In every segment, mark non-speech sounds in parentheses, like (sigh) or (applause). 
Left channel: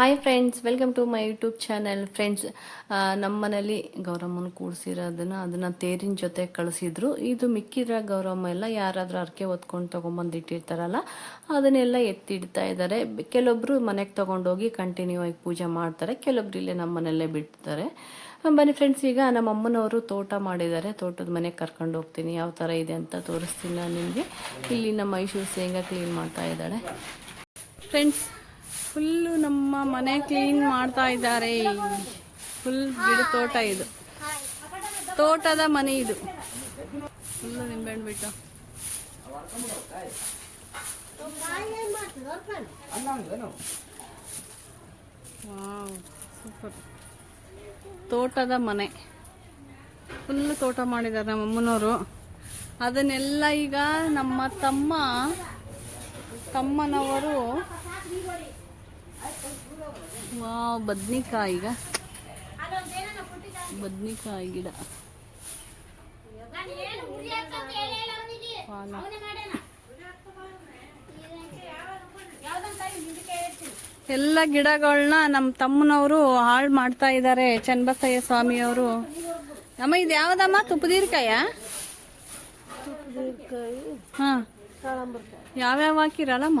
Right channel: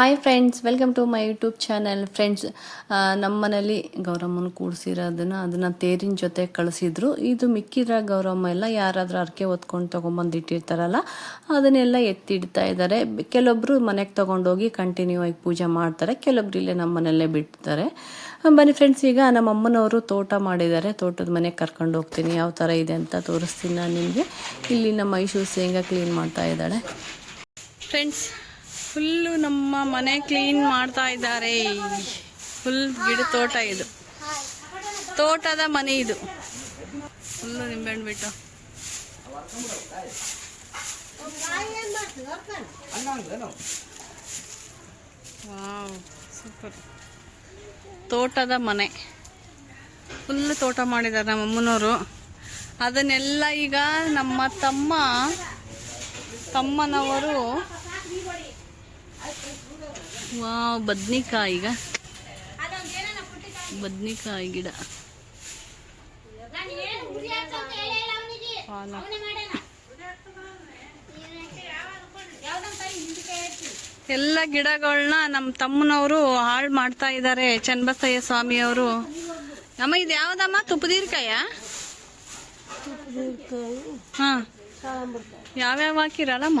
Hi friends welcome to my YouTube channel friends ನಮ್ಮ ಮನೇಲಿ ಗೌರಮ್ಮನ ಕೂಡಿಸಿರೋದನ್ನು ಅದನ್ನು ತೇರಿನ ಜೊತೆ ಕಳಿಸಿದ್ರು ಇದು ಮಿಕ್ಕಿದ್ರೆ ಗೌರಮ್ಮ ಎಲ್ಲ ಯಾರಾದರೂ ಅರ್ಕೆ ಹೊತ್ಕೊಂಡು ತೊಗೊಂಬಂದು ಇಟ್ಟಿರ್ತಾರಲ್ಲ ಅದನ್ನೆಲ್ಲ ಎತ್ತಿಡ್ತಾ ಇದ್ದಾರೆ ಕೆಲವೊಬ್ಬರು ಮನೆಗೆ ತೊಗೊಂಡೋಗಿ ಕಂಟಿನ್ಯೂ ಆಗಿ ಪೂಜೆ ಮಾಡ್ತಾರೆ ಕೆಲವೊಬ್ರು ಇಲ್ಲೇ ನಮ್ಮ ಮನೆಯಲ್ಲೇ ಬಿಡ್ತಾರೆ ಬನ್ನಿ ಫ್ರೆಂಡ್ಸ್ ಈಗ ನಮ್ಮ ಅಮ್ಮನವರು ತೋಟ ಮಾಡಿದ್ದಾರೆ ತೋಟದ ಮನೆಗೆ ಕರ್ಕೊಂಡು ಹೋಗ್ತೀನಿ ಯಾವ ಥರ ಇದೆ ಅಂತ ತೋರಿಸ್ತೀನಿ ನಾನು ನಿಮಗೆ ಇಲ್ಲಿ ನಮ್ಮ ಮೈಸೂರು ಶೇಂಗಾ ಕ್ಲೀನ್ ಮಾಡ್ತಾ ಇದ್ದಾಳೆ ಫ್ರೆಂಡ್ಸ್ ಫುಲ್ಲು ನಮ್ಮ ಮನೆ ಕ್ಲೀನ್ ಮಾಡ್ತಾ ಇದ್ದಾರೆ ಫುಲ್ ಗಿಡ ತೋಟ ಇದು ತೋಟದ ಮನೆ ಇದು ಫುಲ್ಲು ಹಣ್ಣು ಬಿಟ್ಟು ಸೂಪರ್ ತೋಟದ ಮನೆ ಫುಲ್ ತೋಟ ಮಾಡಿದ್ದಾರೆ ನಮ್ಮಮ್ಮನವರು ಅದನ್ನೆಲ್ಲ ಈಗ ನಮ್ಮ ತಮ್ಮ ತಮ್ಮನವರು ವಾವ್ ಬದ್ನಿಕಾಯಿಗ ಬದ್ನಿಕಾಯಿ ಗಿಡ ಎಲ್ಲ ಗಿಡಗಳನ್ನ ನಮ್ಮ ತಮ್ಮನವರು ಹಾಳು ಮಾಡ್ತಾ ಇದ್ದಾರೆ ಚನ್ನಬಸಯ್ಯ ಸ್ವಾಮಿಯವರು ಅಮ್ಮ ಇದು ಯಾವ್ದಮ್ಮ ತುಪ್ಪದೀರ್ಕಾಯ ಹಾಂ ಯಾವ್ಯಾವ ಹಾಕಿರಲ್ಲಮ್ಮ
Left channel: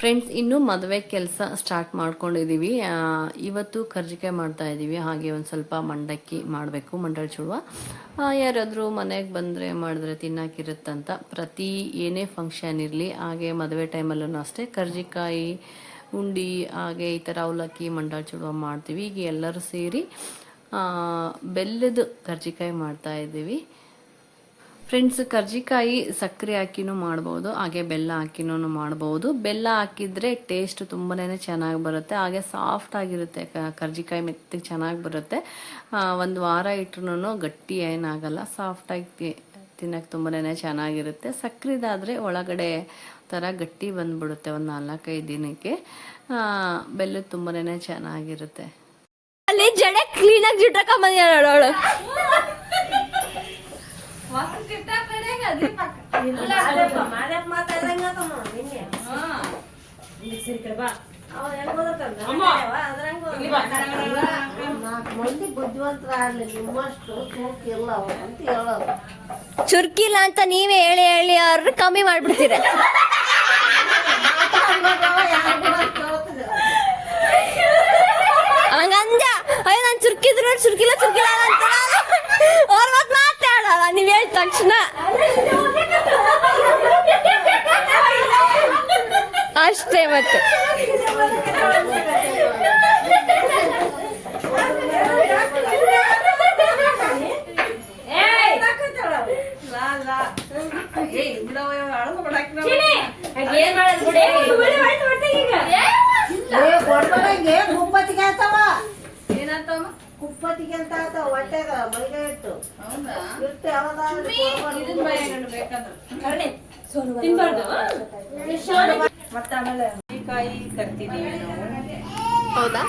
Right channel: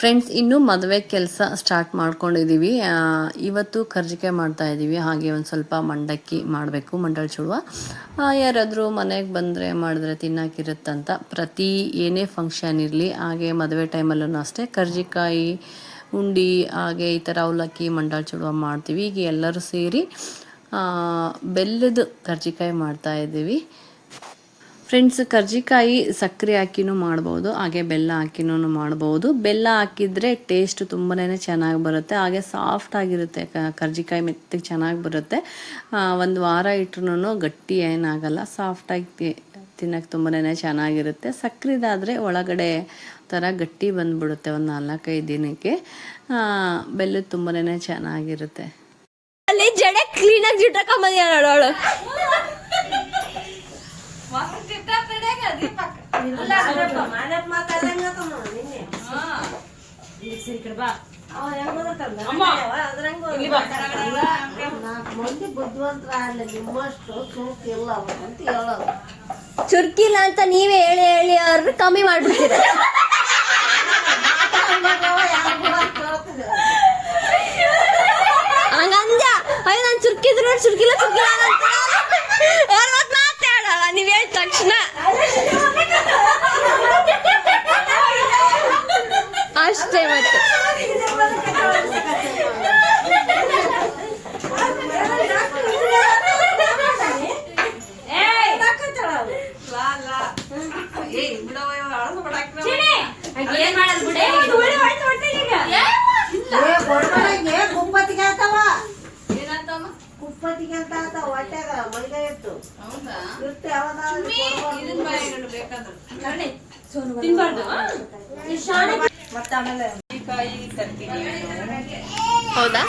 ಫ್ರೆಂಡ್ಸ್ ಇನ್ನೂ ಮದುವೆ ಕೆಲಸ ಸ್ಟಾರ್ಟ್ ಮಾಡ್ಕೊಂಡಿದ್ದೀವಿ ಇವತ್ತು ಕರ್ಜಿಕೆ ಮಾಡ್ತಾ ಇದ್ದೀವಿ ಹಾಗೆ ಒಂದು ಸ್ವಲ್ಪ ಮಂಡಕ್ಕಿ ಮಾಡಬೇಕು ಮಂಡಳ ಚೂಡುವ ಯಾರಾದರೂ ಮನೆಗೆ ಬಂದರೆ ಮಾಡಿದ್ರೆ ತಿನ್ನೋಕ್ಕಿರುತ್ತಂತ ಪ್ರತಿ ಏನೇ ಫಂಕ್ಷನ್ ಇರಲಿ ಹಾಗೆ ಮದುವೆ ಟೈಮಲ್ಲೂ ಅಷ್ಟೇ ಕರ್ಜಿಕಾಯಿ ಉಂಡಿ ಹಾಗೆ ಈ ಥರ ಅವಲಕ್ಕಿ ಮಂಡಳ ಚೂಡುವ ಮಾಡ್ತೀವಿ ಈಗ ಎಲ್ಲರೂ ಸೇರಿ ಬೆಲ್ಲದ ಕರ್ಜಿಕಾಯಿ ಮಾಡ್ತಾಯಿದ್ದೀವಿ ಫ್ರೆಂಡ್ಸ್ ಕರ್ಜಿಕಾಯಿ ಸಕ್ಕರೆ ಹಾಕಿನೂ ಮಾಡ್ಬೋದು ಹಾಗೆ ಬೆಲ್ಲ ಹಾಕಿನೂ ಮಾಡ್ಬೋದು ಬೆಲ್ಲ ಹಾಕಿದರೆ ಟೇಸ್ಟ್ ತುಂಬನೇ ಚೆನ್ನಾಗಿ ಬರುತ್ತೆ ಹಾಗೆ ಸಾಫ್ಟ್ ಆಗಿರುತ್ತೆ ಕರ್ಜಿಕಾಯಿ ಮೆತ್ತಗೆ ಚೆನ್ನಾಗಿ ಬರುತ್ತೆ ಒಂದು ವಾರ ಇಟ್ರು ಗಟ್ಟಿ ಏನಾಗಲ್ಲ ಸಾಫ್ಟಾಗಿ ತಿನ್ನೋಕ್ಕೆ ತುಂಬನೇ ಚೆನ್ನಾಗಿರುತ್ತೆ ಸಕ್ಕರೆದಾದರೆ ಒಳಗಡೆ ಥರ ಗಟ್ಟಿ ಬಂದುಬಿಡುತ್ತೆ ಒಂದು ನಾಲ್ಕೈದು ದಿನಕ್ಕೆ ಬೆಲ್ಲ ತುಂಬನೇ ಚೆನ್ನಾಗಿರುತ್ತೆ ಅಲ್ಲಿ ಜಡೆ ಕ್ಲೀನಾಗಿ ಜಿಟ್ರಕೊಂಬಂದಿದ್ದಾಳು ಚುರ್ಕಿಲ್ಲ ಚುರುಕಿ ಅಂತ ಹೇಳೋದು ಚುರ್ಕಿಲ್ಲ ಅಂತ ನೀವೇ ಹೇಳಿ ಹೇಳಿ ಅವ್ರನ್ನ ಕಮ್ಮಿ ಮಾಡ್ಬಿಡ್ತೀರ ಹಂಗಂದ ಅಯ್ಯೋ ನಾನು ಚುರ್ಕಿದ್ರು ಚುರ್ಕಿಲ್ಲ ಚುರ್ಕಿಲ್ಲ ಅಂತ ಅವ್ರ ನೀವು ಹೇಳಿದ ತಕ್ಷಣ Damn it. Hola.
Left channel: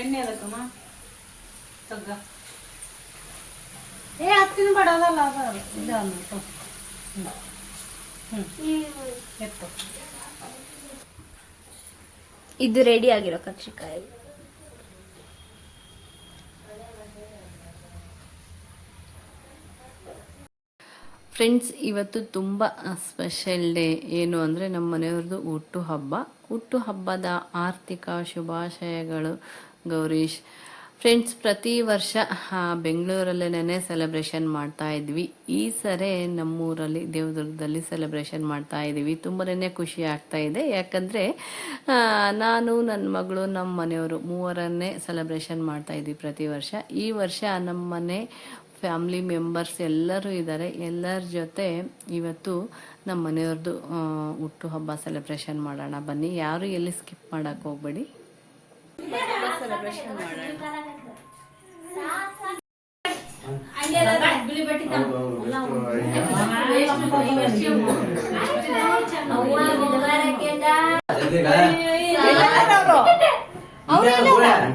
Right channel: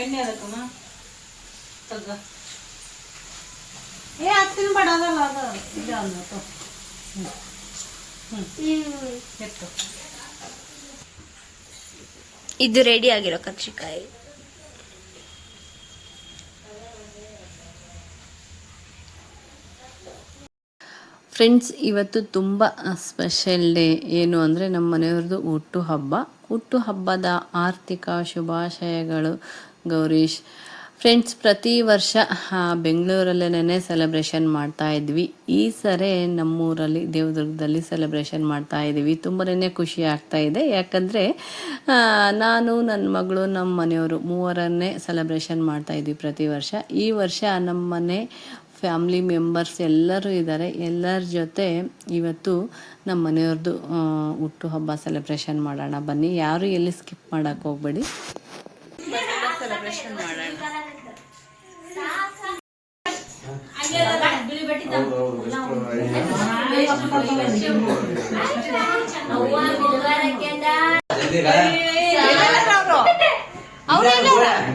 ಏ ಇದು ರೆಡಿ ಆಗಿರೋ ಕಕ್ಷಿಕಾಯಿ ಫ್ರೆಂಡ್ಸ್ ಇವತ್ತು ತುಂಬ ಸ್ಪೆಷಲ್ ಡೇ ಏನು ಅಂದರೆ ನಮ್ಮ ಮನೆಯವ್ರದ್ದು ಹುಟ್ಟು ಹಬ್ಬ ಹುಟ್ಟು ಹಬ್ಬದ ಆರ್ಥಿಕ ಶುಭಾಶಯಗಳು ಗೌರೀಶ್ ಫ್ರೆಂಡ್ಸ್ ಪ್ರತಿ ವರ್ಷ ಬೆಂಗಳೂರಲ್ಲೇನೆ ಸೆಲೆಬ್ರೇಷನ್ ಮಾಡ್ತಾ ಇದ್ವಿ ಈ ಸರಿ ನಮ್ಮೂರಲ್ಲಿ ದೇವದುರ್ಗದಲ್ಲಿ ಸೆಲೆಬ್ರೇಷನ್ ಮಾಡ್ತಾ ಇದ್ದೀವಿ ತುಂಬನೇ ಖುಷಿ ಆಗ್ತಾ ಇದೆ ಯಾಕಂದರೆ ನಾನು ನನ್ನ ಮಗಳು ನಮ್ಮ ಮನೆಯವರು ಮೂವರನ್ನೇ ಸೆಲೆಬ್ರೇಷನ್ ಮಾಡ್ತಾ ಇದ್ವಿ ಪ್ರತಿ ವರ್ಷ ಈ ವರ್ಷ ನಮ್ಮ ಮನೆ ಫ್ಯಾಮ್ಲಿ ಮೆಂಬರ್ಸ್ ಎಲ್ಲರೂ ಇದ್ದಾರೆ ಎಲ್ಲರ ಜೊತೆ ಇವತ್ತು ನಮ್ಮ ಮನೆಯವ್ರದ್ದು ಹುಟ್ಟುಹಬ್ಬ ಸೆಲೆಬ್ರೇಷನ್ ಮಾಡೋಣ ಬನ್ನಿ ಯಾರು ಎಲ್ಲಿ ಸ್ಕಿಪ್ ಮಾಡೋಕ್ಕೆ ಹೋಗಬೇಡಿ ಬರ್ತ್ಡೇ ಸೆಲೆಬ್ರೇಷನ್ ಮಾಡೋಣ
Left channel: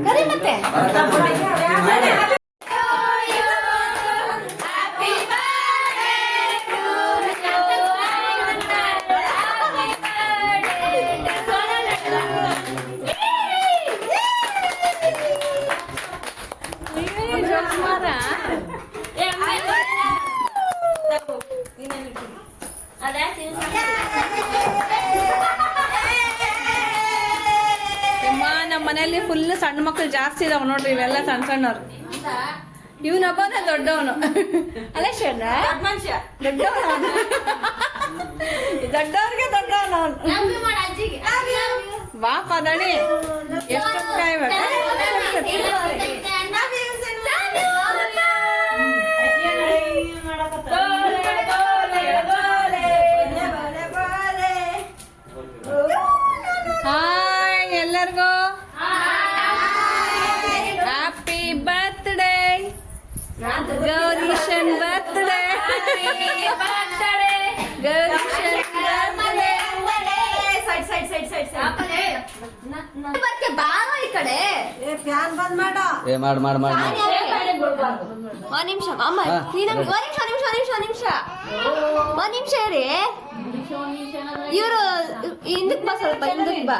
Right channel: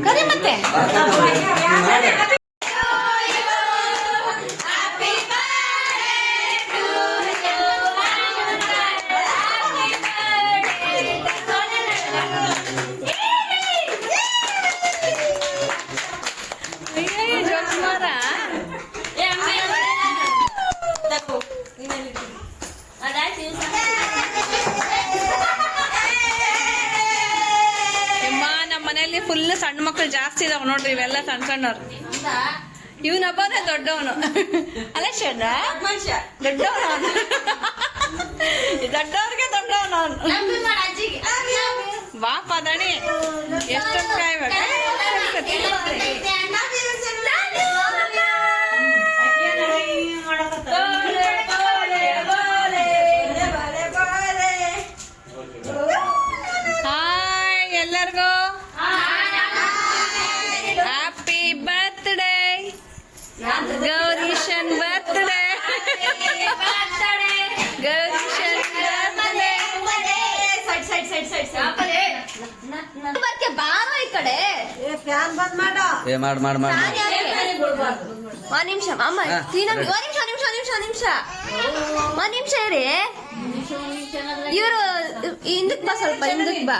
ಕರಿ ಮತ್ತೆ ನೋಡ್ರಿ ಇವೆಲ್ಲ ಸಣ್ಣ ಸಣ್ಣವ್ರು ಇವನೊಬ್ಬನೇ ದೊಡ್ಡವನು ಅಲ್ಲ ಶಣ್ಣ ದೊಡ್ಡವನು ದೊಡ್ಡವ್ರಿಗೆ ದೊಡ್ಡವನು ಬಾಪ ದಣಿ ಎಷ್ಟೊಂದು ಕಾಯ್ಬೇಕು ಗೌರೀಶನ್ ಬರ್ತಡೆ ಗೌರೀಶನ್ ಮಾಡ ಮಾಡ ಮಾಡ ಒಂದ್ ನಿಮಿಷ ಅಮ್ಮ ನಿಮಿಷ ನಿಮಿಷ ನಿಮಿಷ ನಿಮಿಷ ಒಂದ್ ನಿಮಿಷ ರೀ ಇವರು ಹಿಂದಕ್ ಬಾ ಸ್ವಲ್ಪ ಹಿಂದಕ್ ಬಾ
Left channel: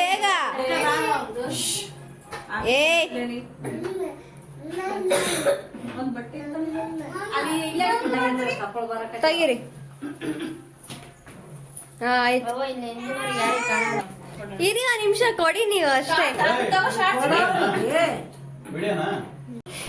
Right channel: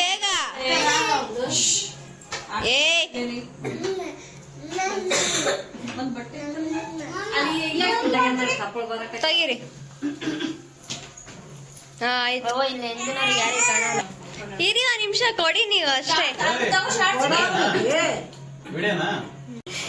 ಬೇಗ ಏ ಹಾ ಇರಿ ನಿಮಿಷ ಕೊಡಿ ನೀವು ಅಷ್ಟೇ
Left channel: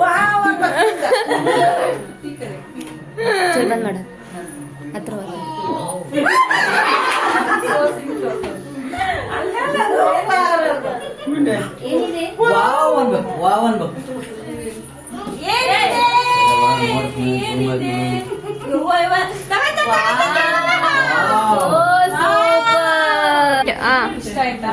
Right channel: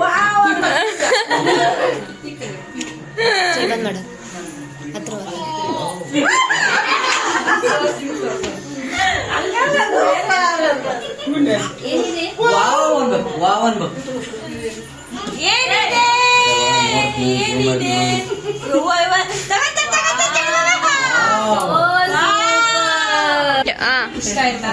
wow, wow, wow, ಮೇಡಮ್ ಹತ್ರ ವಾವ್ ಅನ್ಬೇಕು ವಾವ್ ಅನ್ಬೇಕು ಏನಿದೆ ಏನಿದೆ ವಾವ್ ಆ ಇಷ್ಟ ಆಯ್ತಾ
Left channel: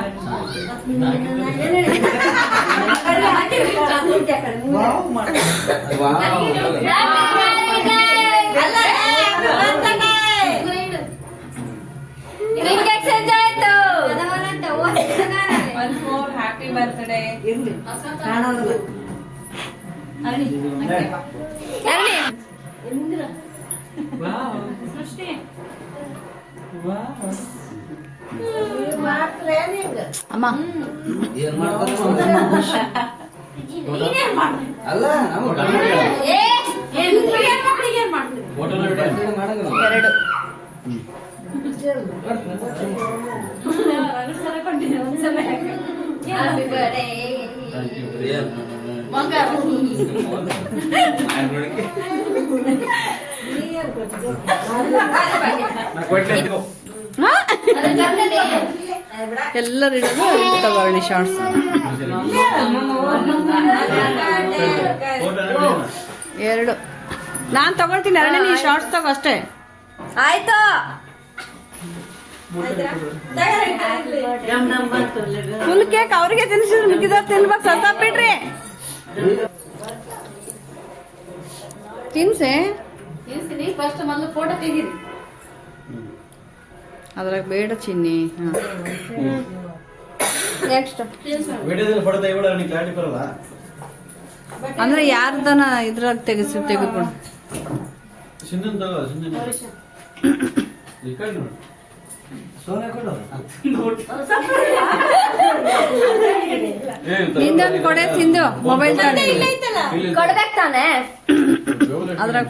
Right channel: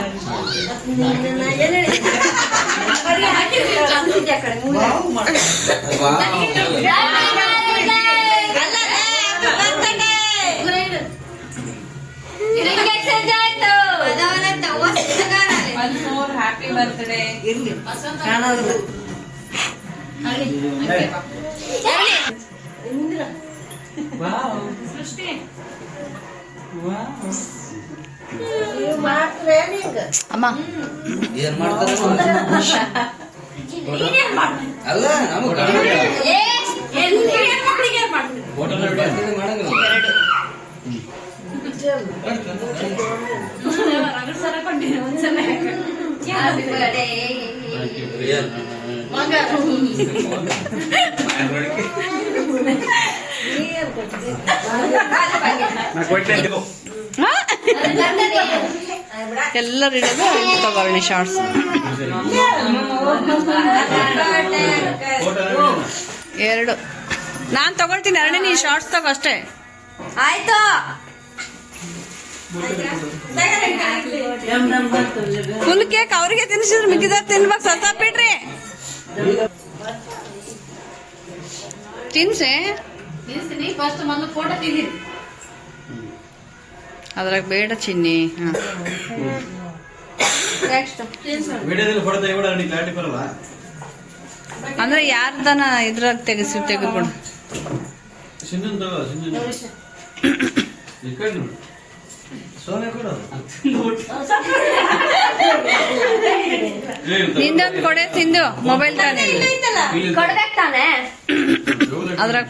ಹ್ಯಾಪಿ ಬರ್ತ್ಡೇ ಇರ್ಲಿ ಕಾಣೋದು ಸೃಷ್ಟಿ ಅಮ್ಮ ಏನ್ ಮಾಡ್ತಾರ ಅಲ್ಲ ನಮಗ ಮಗ ಎಲ್ಲರೂ ಶಾರ್ಟ್ಸ್ ಎರಡು ನಾನು ತಗೊಳ್ತೀನಿ ಎರಡನೇ ನೀ ಶಾರ್ಟ್ಸ್ ತಗೋ ಅಷ್ಟೇ ಆಯ್ತು ಫುಲ್ ಕೇಕ್ ಅವ್ರಿಗೆ ತಿನ್ಸಿದ್ರೆ ಮಿಕ್ಕಿದ ತಿನ್ಬೇಕು ಸಸ ಬಿಡ್ರಿ ತಿನ್ಸೆ ಅದ್ರಾಗ ಬೇಡ ಚಿನ್ನಿ ಹಾಂ ನೆಕ್ಸ್ಟ್ ಅಂದ್ರೆ ಯಾರ್ದನ ಇದ್ರಾಗ ತೆಗೆಸಿ ತೆಗೆದುಕೊಂಡು (coughs) ಸೋನೆ ಕೊಡು ನಿಂದೊಂದು ಕೊಡೆ ತಿಂದು ಮೊಬೈಲ್ ತಾನೆ ಅದ್ರಾಗ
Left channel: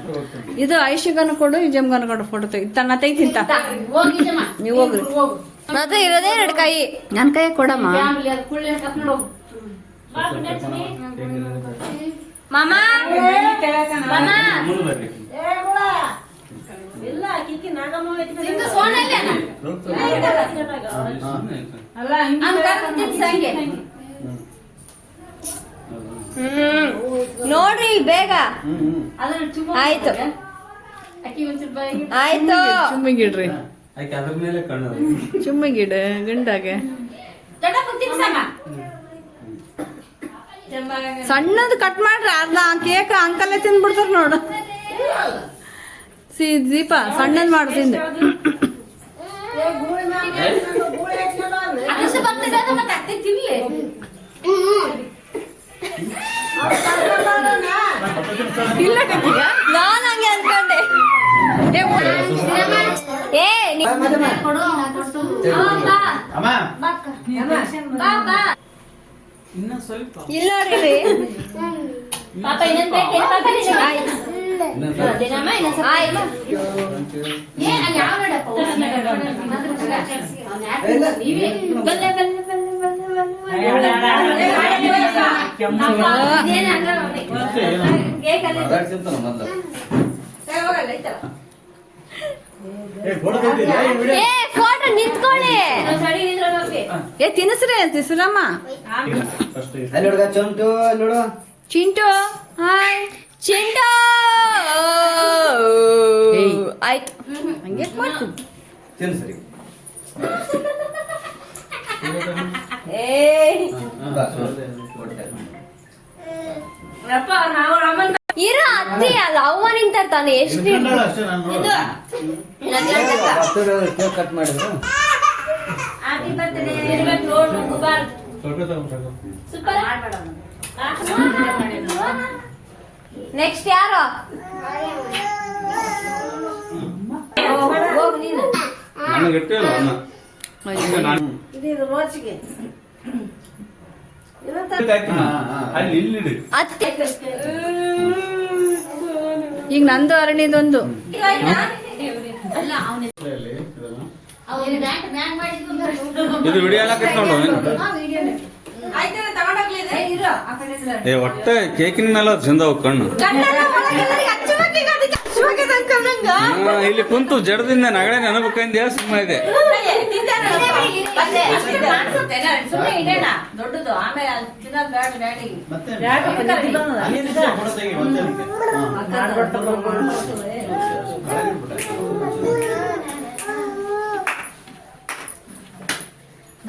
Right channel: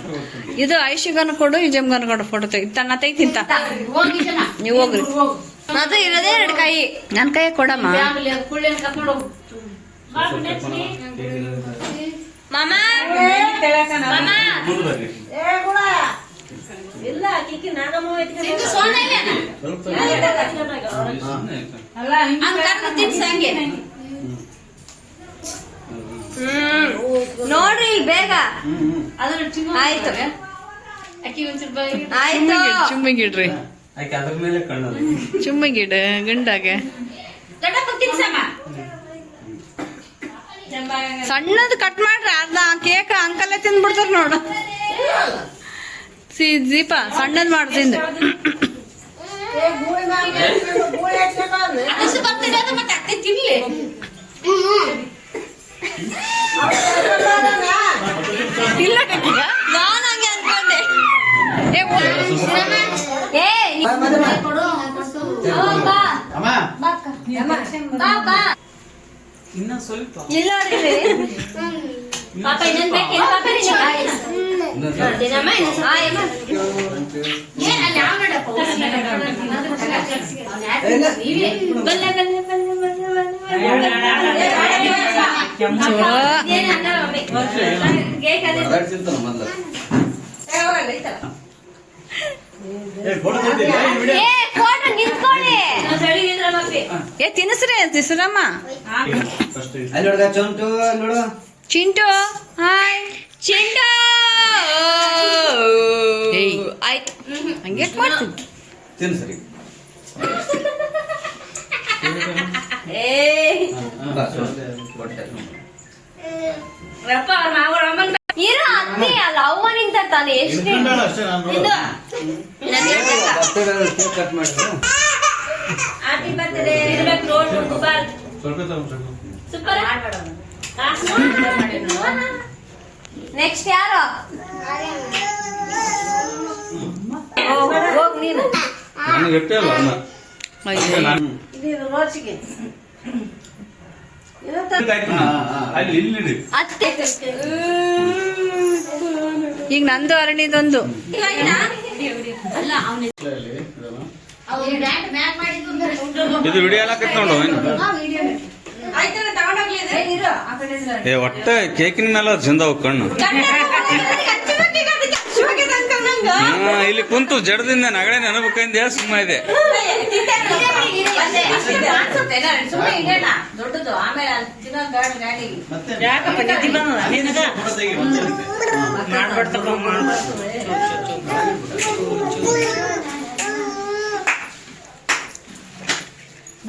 ಇದು ಐಶಿಗನ್ ಕೊಡು ಇಜಮ್ಗನ್ ಕೊಡು ಫೋಟೋ ತೆಗಿ ತನ್ನ ತೆಗಿತಿಂತ ನೀವು ಹೋಗ್ರಿ ಅದು ಇರೋದೇ ಎರಡು ಕೈ ನನ್ನ ಕೈ ಕೊಡಮ್ಮ ಮಾಮ ನೋಡ್ರಿ ಬೇಗ ಆಯ್ತು ಆಯ್ತು ಸಣ್ಣದು ಕಟ್ ಮಾಡ್ರಿ ಅದ್ನ ಕೇಕ್ ಅಂಕಲೇ ತಿಂದ್ಬಿಡ್ತಾರ ನೋಡು ಸಿ ದೀಪ ಸಣ್ಣದ್ ಮಾಡ್ತೀನಿ ಇಲ್ಲ ನಾನು ಏ ತಿನ್ನಿಸ್ರಿ ಚಿಂಟು ಹಾಯ್ ಚೆಂಡ ಆಯ್ತು ಹಂಗೆ ಮಾಡ್ತೀನಿ ತಿನ್ ಸರಿ ಇರ ಅತ್ತೆ ಎಷ್ಟು ಇದು ಕಟ್ ಸೂಪರ್ ಮಾಡೋಣ ನೆಕ್ಸ್ಟ್ ಯಾರು ಈಗ ನಂದು ಅರಣ್ಯದೊಂದು ಇದು ವಿಡಿಯೋ ಎಲ್ಲ ಕಟ್ಕೊಂಡು ಏ ಒಟ್ಟೆ ಕೇಕಿನ ಮೇಲೆ ಜಿಂದವು ಕಣ್ಣು ಇಲ್ಲಿ ಕುಂತು ಜಡದಿಂದ ನಗಡೆ ನೆನಪಕ್ಕಂದ್ಯ ಸುಮ್ಮ ಇದೆ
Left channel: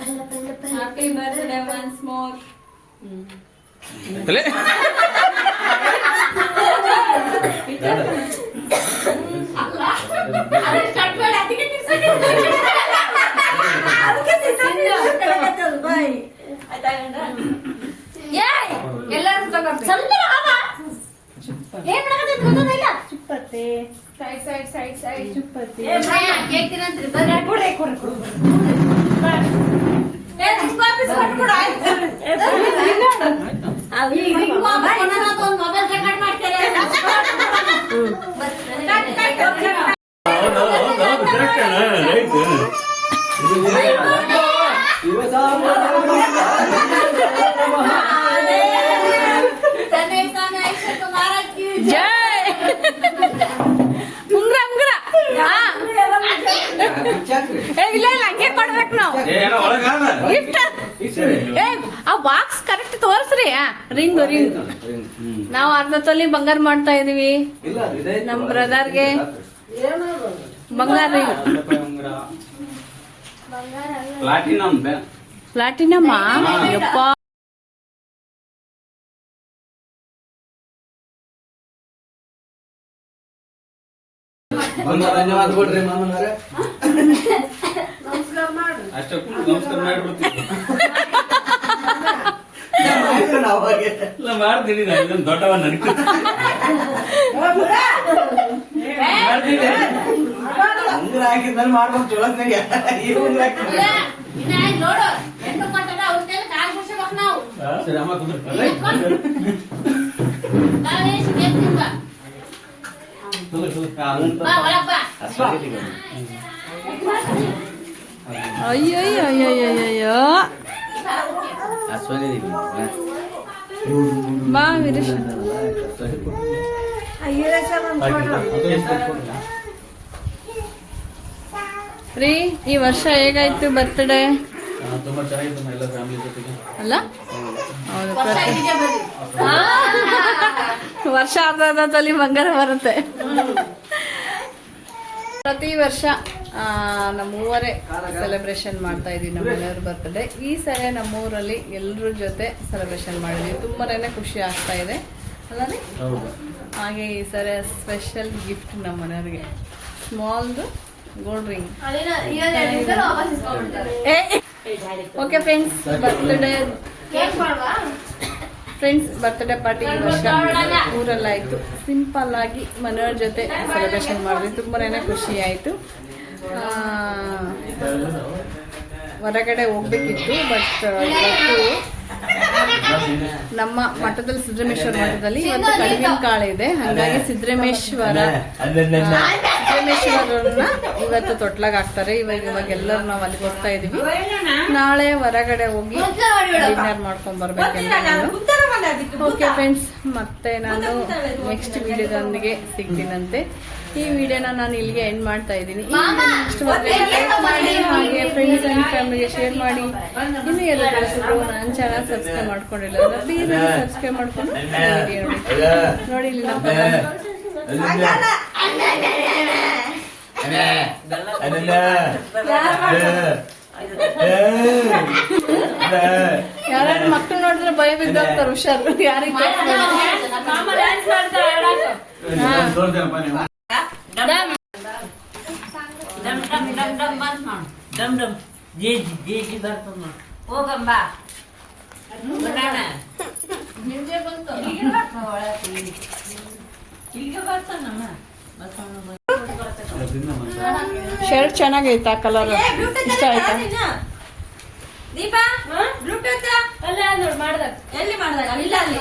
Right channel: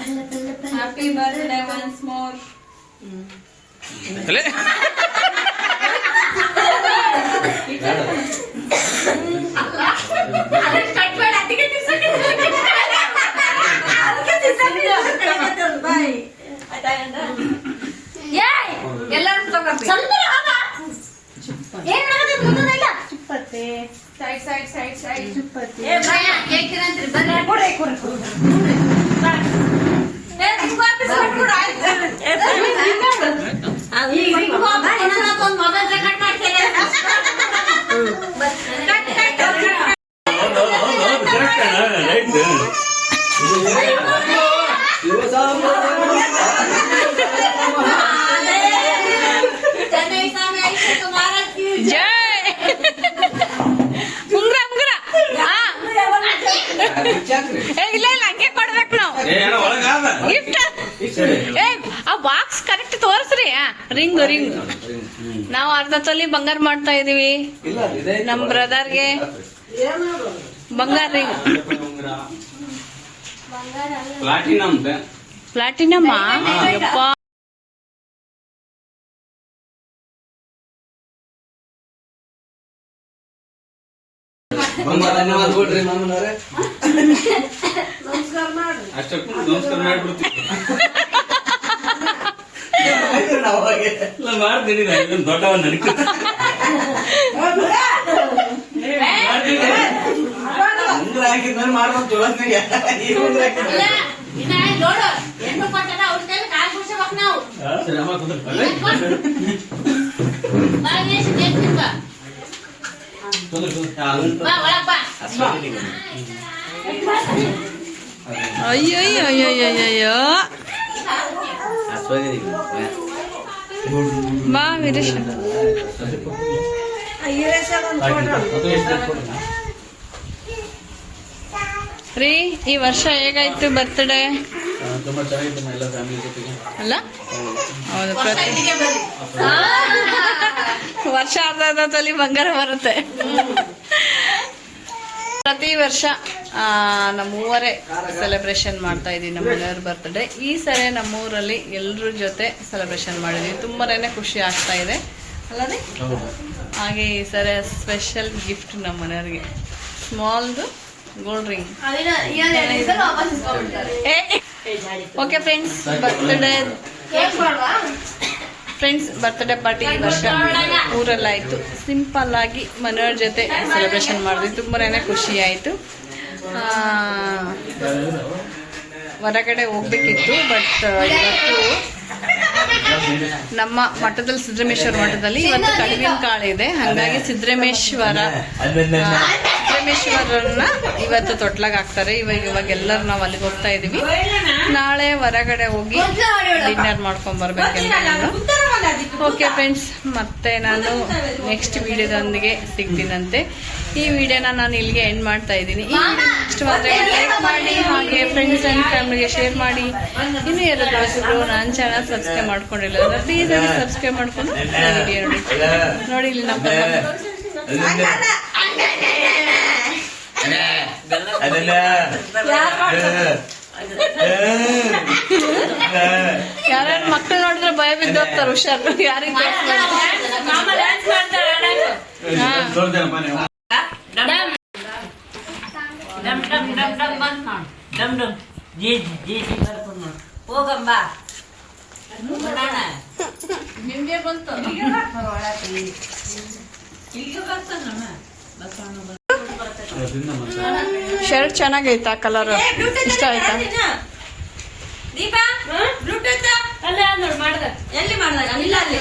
Happy birthday once more. Side. ಇಲ್ಲ ಇಲ್ಲ ಹಂಗೆ ಕೊಡ್ಬೇಕು ನಾವು ಗಿಫ್ಟ್ ಏ ಆ ಬಾಕ್ಸ್ ಕರೆಕ್ಟ್ ತೋರಿಸ್ರಿ ರಿಂಗ್ ರಿಂಗ್ ನಾವು ಅರ್ಧ ತೊಲಿ ಬಂಗಾರ ಮಾಡ್ತಾ ಇದೀವಿ ನಮ್ ಬ್ರದರ್ಗೆ ಬಂಗಾರ ರಿಂಗ್ ಪ್ಲಾಟಿನಮ್ ಯಪ್ಪ ಧನ್ಯವಾದ ಕೊಡ್ರಿ ಇಲ್ಲ ಮಾಡ್ತೀನಿ ನಾನು ಅಯ್ಯೋ ಅಯ್ಯೋ ಮಾ ವೀರೇಶ್ ರೀ ಈ ವರ್ಷ ಹೇಗಾಯ್ತು ಬರ್ತಡೇ ಅಲ್ಲ ಹೌದು ಪ್ರತಿ ವರ್ಷ ಅರ್ಧ ತಲೆ ಬಂಗಾರ ಬರುತ್ತೆ ಪ್ರತಿ ವರ್ಷ ನಮ್ಮ ಸೆಲೆಬ್ರೇಷನ್ ಮಾಡ್ತಾ ಇದ್ದೀವಿ ನಮ್ಮ ಮನೆಯವ್ರ ಬರ್ತ್ಡೇ ಈ ಸರಿ ನಮ್ಮೂರಲ್ಲಿ ಎಲ್ಲರ ಜೊತೆ ಸೆಲೆಬ್ರೇಷನ್ ಮಾಡಿದ್ವಿ ತುಂಬನೇ ಖುಷಿ ಆಗ್ತಾ ಇದೆ ಅಲ್ಲ ಹಾಗೆ ಈ ಸರಿ ಸ್ಪೆಷಲ್ ಗಿಫ್ಟ್ ನಮ್ಮ ಮನೆಯವ್ರಿಗೆ ಸ್ಮಾಲ್ದು gold ring okay friends birthday friends birthday party ಈ ವರ್ಷ ಊರಲ್ಲಾಯಿತು ಸಿಂಪಲ್ ಆಗಿ ಮನೆಯವ್ರ ಜೊತೆ ಸೆಲೆಬ್ರೇಷನ್ ಮಾಡಿದ್ವಿ ತುಂಬನೇ ಖುಷಿ ಆಯಿತು ಹೊರಗಡೆ ಹೋಗ್ಬೇಕಿತ್ತು ಬಟ್ ಇವತ್ತು ನಮ್ಮ ಮಠದಲ್ಲಿ ಸಿದ್ದರಾಮೇಶ್ವರ ಮಠದಲ್ಲಿ ಇವತ್ತು ಕಡುವಿನ ಕಾಳೆ ಇದೆ ಹಾಗಾಗಿ ಸಿದ್ದರಾಮೇಶ್ವರ ಸಿದ್ದರಾಮೇಶ್ವರನ್ನ ಇವತ್ತು ತೊಟ್ಲಾಗ ಹಾಕ್ತಾರೆ ಇವಾಗ ಇವಾಗ ಎಲ್ಲರೂ ನಾವು ಅಲ್ಲಿಗೆ ಹೋಗ್ತಾ ಇದೀವಿ ನಾಳೆ ಹೊರಗಡೆ ಹೋಗಿ ಡಿನ್ನರ್ ಮಾಡ್ಕೊಂಡ್ ಬರ್ಬೇಕಂತ ಓಕೆ ಫ್ರೆಂಡ್ಸ್ ಮತ್ತೆ ನಾನು ನೆಕ್ಸ್ಟ್ ವಿಡಿಯೋದೊಂದಿಗೆ ಸಿಗ್ತೀನಂತೆ ಈ ವಿಡಿಯೋನ ನಾನು ಇಲ್ಲಿಗೆ ಎಂಡ್ ಮಾಡ್ತಾ ಇದ್ದೀನಿ ಈ ವಿಡಿಯೋ ಲೈಕ್ ಮಾಡಿ ಹಾಗೆ ಫ್ರೆಂಡ್ಸ್ ಆ್ಯಂಡ್ ಫ್ಯಾಮಿಲಿಗೆ ಶೇರ್ ಮಾಡಿ ಇನ್ನೂ ಎಲ್ಲ ಕಳಿಸಿದ್ರು ನಾನು ಚಾನಲ್ ಸಬ್ಸ್ಕ್ರೈಬ್ ಮಾಡ್ಕೊಂಡಿಲ್ಲ ಅಂದ್ರೆ ಪ್ಲೀಸ್ ಆಗಿ ಸಬ್ಸ್ಕ್ರೈಬ್ ಮಾಡ್ಕೊಂಡು ವಿಡಿಯೋ ನೋಡಿ ನೋಡಿ ಇಲ್ಲಿ ನಮ್ಮ ಯಾರು ಮಕ್ಕಳು ನೋಡಿದ್ರೆ ಭಯ ಬಿದ್ದೋಗ್ತಾರೆ ಹುಷಾರು ಯಾರಿಗೆ ಶರ್ಟ್ ಚೆನ್ನಾಗೈತಾ ಕಲರ್ ಇಷ್ಟ ಆಯ್ತಾ ದೀಪಾ ಬ್ಲೂಟೂತ್ ಎಲ್ಲಿ ಇಲ್ಲ ಅಲ್ಲಿ